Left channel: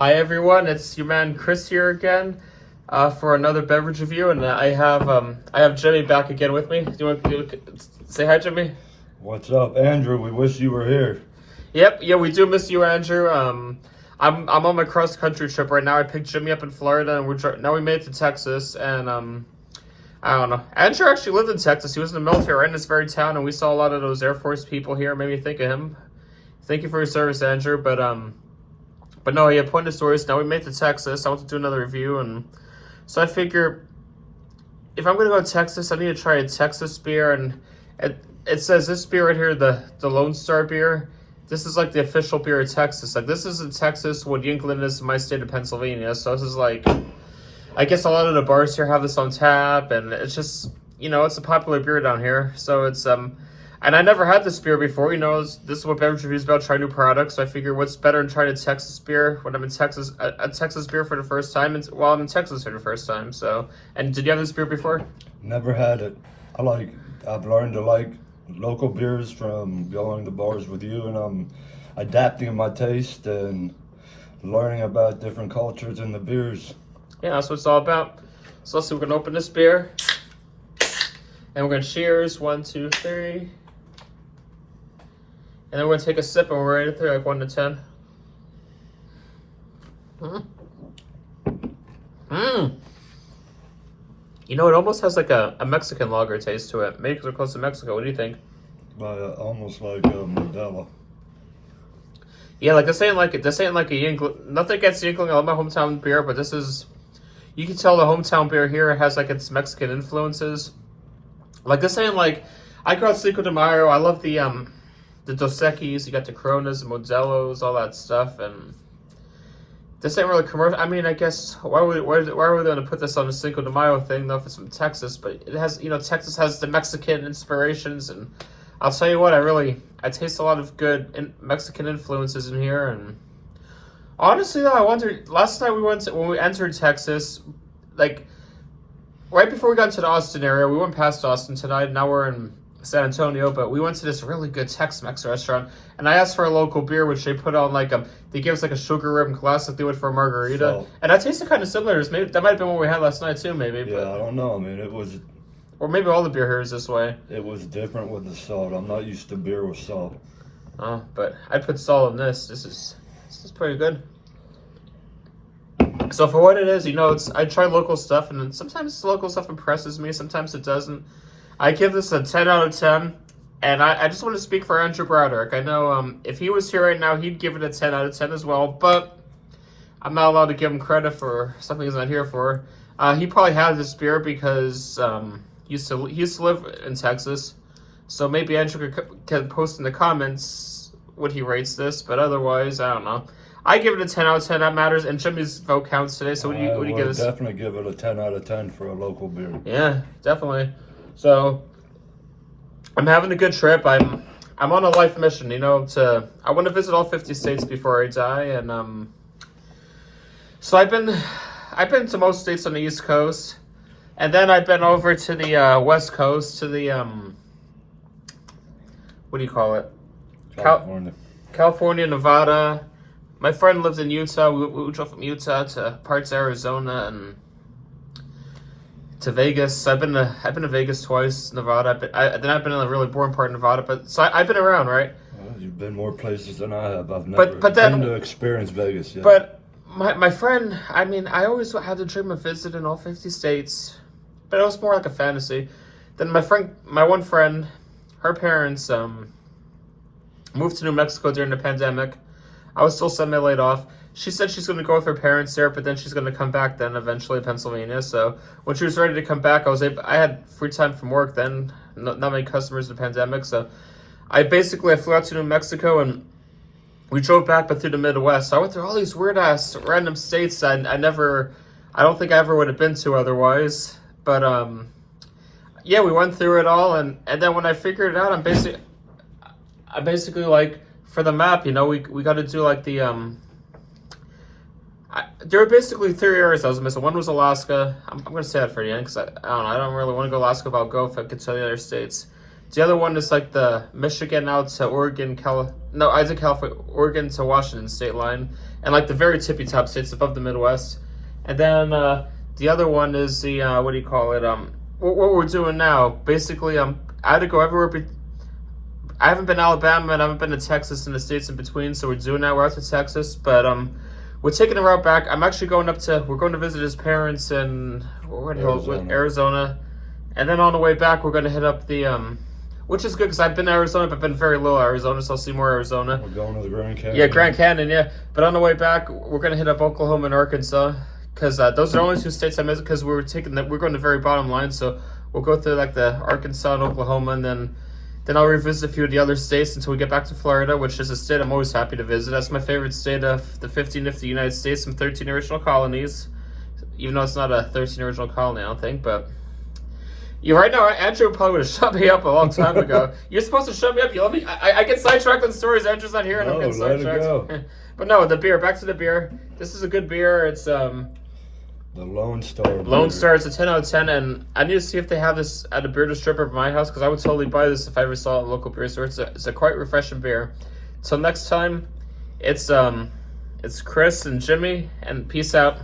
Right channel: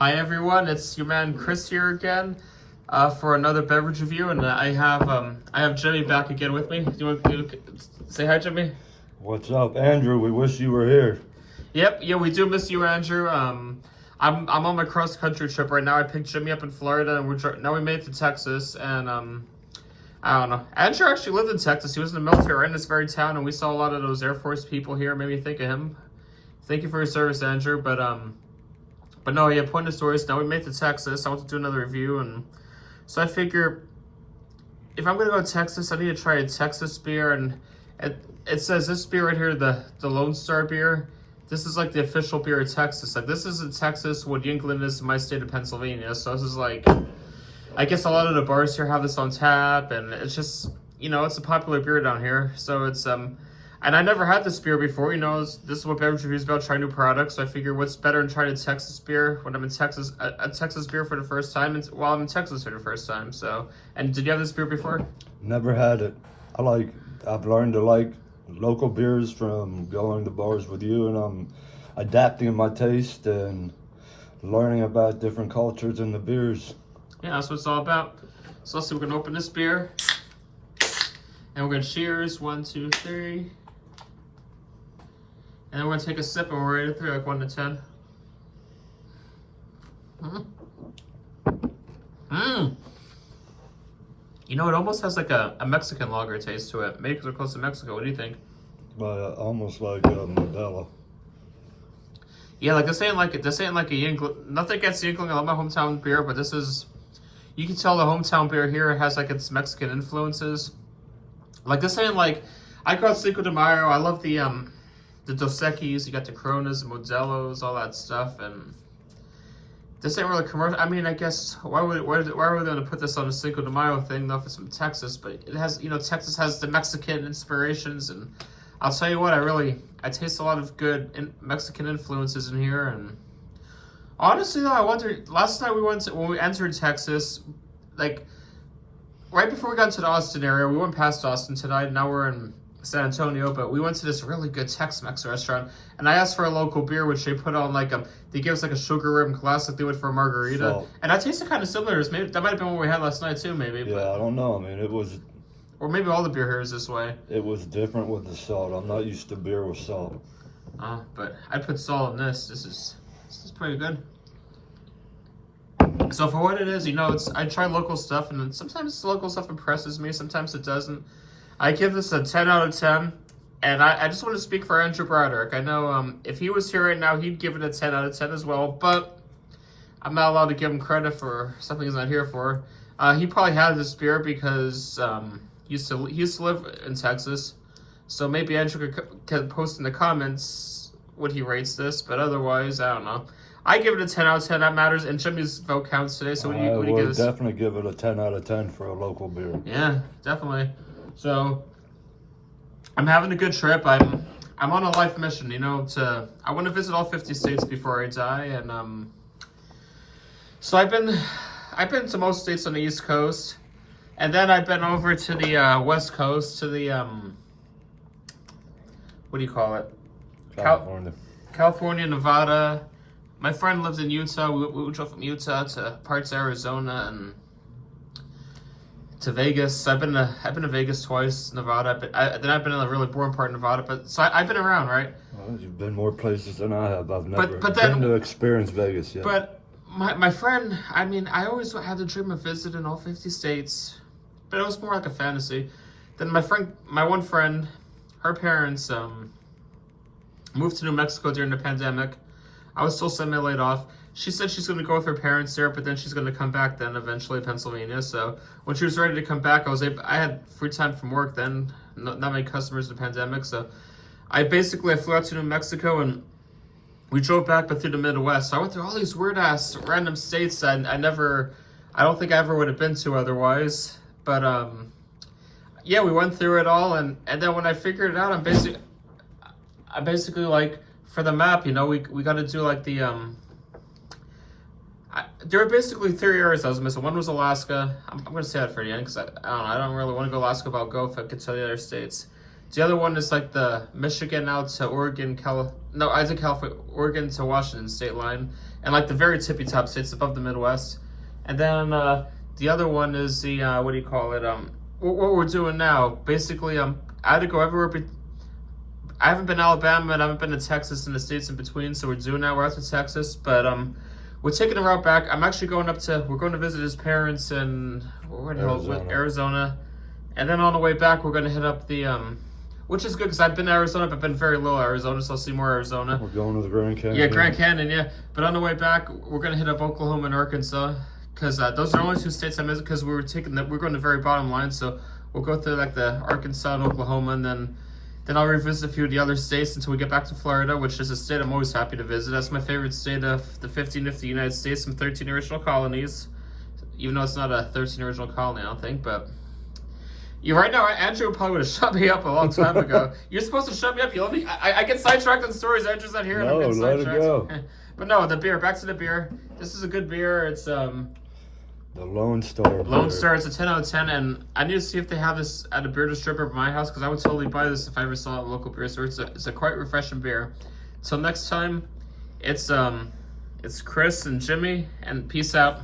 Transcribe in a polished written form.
Hi everyone, it's your man Chris here again for another beverage review, and I have Jimmy back again with me. Do you want to say hi, Jimmy? What's up, Andrew? We wish you were here. Yep, yeah, we do miss you, Andrew. I'm on my cross country trip right now. I picked Jimmy up in Florida, and now we made it to Texas, and I don't know. Andrew actually lived in Texas. He was in the military right in this very town, and we saw a lot of those Air Force people here. Made me think of him. Thank you for your service, Andrew. But no, he had pointed stories. Now we made it to Texas. I want to do another review, and so I figure if I'm gonna go to Texas, I need to try a Texas beer, and it says this beer right here, the Lone Star beer. This is like the official beer of Texas. Like, this is in Texas what England is in my state of Pennsylvania. So this is like, I guess a lot of the bars here have this on tap, and it's just, you know, it's a popular beer down here. So it's and I never had this beer before. You know, this is what Beverage Review is about, trying new products. So I figure what's better than trying a Texas beer when I'm in Texas, a Texas beer for the first time, and while I'm in Texas for the first time. So, and did you have this beer before? Never had it. I've learned to like local beers from going to bars with you, and I'm adapting my taste and learning about different cultures in the beers. Yeah, that's what it's all about. So let's see, we're gonna open this beer, and we're gonna cheers. 1, 2, 3. And then we're gonna take a sip, and we're ready to like 1 to 10. You know, it almost has like a Mexican lager taste to it. Maybe because we're close to Mexico. What do you think? Almost like Modelo. Yeah, like this ain't like a Yingling. Nothing against Yingling. I love my hometown beer, but this is, you can tell the hometown beer here has like its Mexican influences. Like, this ain't like, I go out Cinco de Mayo. I love the Dos Equis. You got the Coronas, the Modelos, all that stuff, and this ain't really commercial. I mean, I guess why are we going to put this on a Cinco de Mayo thing though? If it's from Texas, but it has, you know, Texas has the Mexican inspirations, and I'll tell you what, I taste a lot of good Mexican influences in here. And honestly though, I wondered, last night when we entered Texas, like right before we got into the Austin area, we went past Austin tonight, and now we're in San Antonio, but we went to this really good Tex-Mex restaurant, and I asked for a local beer, which they put on like they give us like a sugar rim glass like they would for a margarita, So, and that tasted kind of similar. Maybe that might have been what we had last night too, maybe. Yeah, but, I don't know. I mean, it was or maybe all the beer here is this way. It was different with the salt. I'm not used to beer with salt. But I put salt in this. This is pretty good. So for what it is, you know, I try local stuff, and sometimes local stuff impresses me, sometimes it doesn't. I give this a 10 out of 10, and I just want to speak for Andrew Broderick. I know if he was here right now, he'd give it a 10 out of 10 as well, but I'm not allowed to give him credit for something he's not here for. He probably had this beer because he used to live in Texas, so maybe Andrew could post in the comments what he rates this, but otherwise, I don't know. I give it a 10 out of 10. That matters, and Jimmy's vote counts today. So what do you give this? I would definitely give it a 10 out of 10 for a local beer. Yeah, definitely. So I'm having a good trip. I'm on a life mission, you know. I want to visit all 50 states before I die, and so I've been to most states on the East Coast, and then I've been over to the West Coast, to the what do you call it? California, Nevada. My friend lives in Utah. We drove from Utah to parts of Arizona and to Vegas. I've been to Vegas twice, Nevada. Then I've been in a really boring part of Nevada. But so I've been around, right? Well, you've been more places than I have. I've never been to experience Vegas yet. But my friend, I mean, I always had the dream of visiting all 50 states, but it was more like a fantasy. Then my one friend, her parents moved to New Mexico during the pandemic. I was still semi-laid off. She said she's going to go with her parents there, but then she's going to come back then eventually, Pennsylvania. So when she was ready to come back, I had free time from work then, not many customers in the pandemic. So I flew out to New Mexico, and we drove back but through the Midwest. So I went through all these weird-ass random states I don't think I ever would have been to otherwise. But yeah, we went through it all, and then when I figured it out, I'm basically like, for the map, you know, we got to do like the there were basically 3 areas I was missing. One was Alaska. I'm going to say that for the end because I don't know. I don't really want to go to Alaska, but I'll go if I could tell you other states. The other one is like the Michigan out to Oregon, No, I was in California, Oregon to Washington state line, and like the very tippy top states above the Midwest. And then the other one is the what do you call it? What we're doing now. Basically, I had to go everywhere. I haven't been to Alabama and I haven't been to Texas and the states in between. So we're doing that. We're out to Texas, but we're taking a route back. I'm actually going we're going to visit his parents in Arizona. And then on the way back, we're going to hit up the which is good because I've been to Arizona, but been very little Arizona, so I'll see more Arizona. We're going to the Grand Canyon. Yeah, Grand Canyon, yeah. But on the way back, we're going to hit up Oklahoma and Arkansas because those are the only two states I missed because we're going to the very bottom line. So we'll go through like the Arkansas and Oklahoma, and then I'll revisit a few of the other states until we get back to Florida, which is a state I'm always happy to visit. That's my favorite state of the 15 of the United States, some 13 original colonies, even though it's not a 13 original colony, I don't think, but... right now, Andrew probably would have shut me up a long time ago. You're supposed to shut me up. You let me. I get sidetracked on stories. Andrew's not here, and I'm getting let sidetracked. it go. But no, the beer. Back to the beer. This is a good beer. It's The Lone Star. Lone Star. It's a 10 out of 10, and I need to see if they have this at a beer distributor at my house because I would totally buy this if I ever saw it at a local beer store. It's a quite refreshing beer. Till next time, it's Chris and Jimmy, and peace out.